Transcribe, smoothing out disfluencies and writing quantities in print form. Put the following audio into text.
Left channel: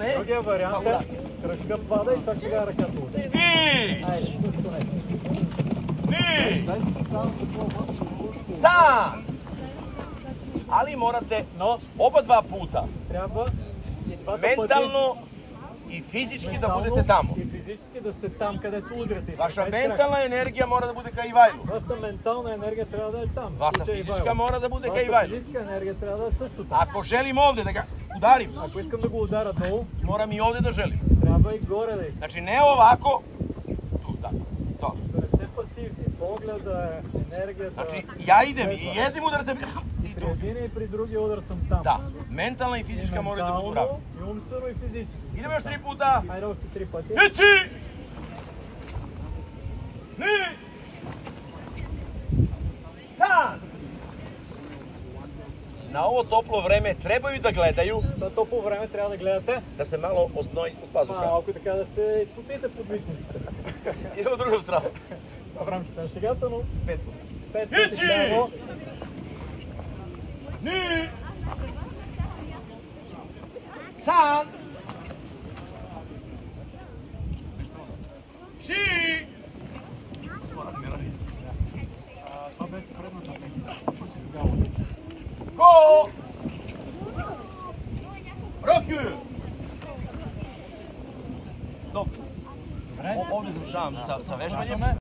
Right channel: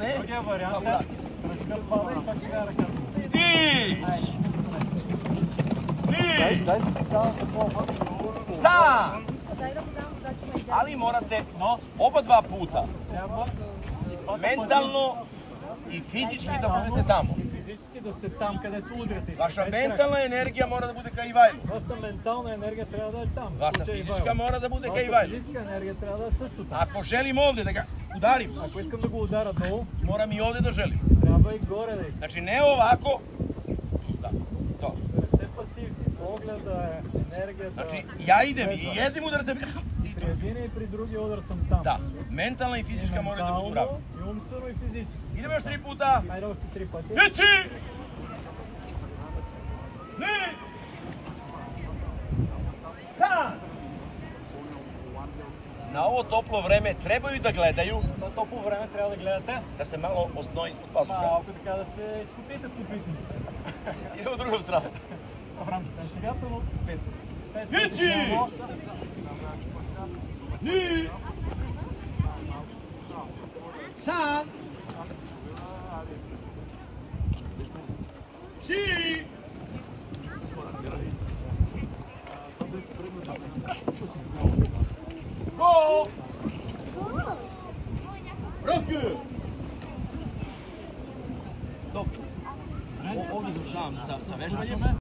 padne... Другия вариант е кръгка пада и чак сега ръката. Виж! Виж! Sam! Ali morate oba dva puta mentalno i fizički da budete tamo. И физически да сте там, където удряте. Vaša mentalna energija mora da bude ka Ivajlu. Вашата ментална енергия трябва да е там. Vaša fizička mora da bude ka Вашата Ivajlu. физическа енергия трябва да е също там. Ako želim ovde da ga udarim, Ако искам да го удара долу, moram i ovde da želim. трябва и горе да искам. Znači ne ovako, tu, tako, to. Да не сте пасивни. Погледа, енергията. Znači ja idem i jednim udarcem i При drugim. един и при другия удар съм там. Da, mentalna i fizička moraju da budu ravni. И умствено и физически. Idemo još 3 puta. Хайде още 3 пъти. Ići! Ni! Sad! Na ovo toplo vreme trebaju da gledaju Това топло време трябва да гледате. da se malo osnoji ispod pazuha. Малко така да се изпотите под мишниците. Idemo u drugu stranu. В рамките на сегата, но 5 Ići! Ni! Sad! Si! Това беше предната техника. Go! Roku! Dobro. Ovdje završavam sa vežbanjem.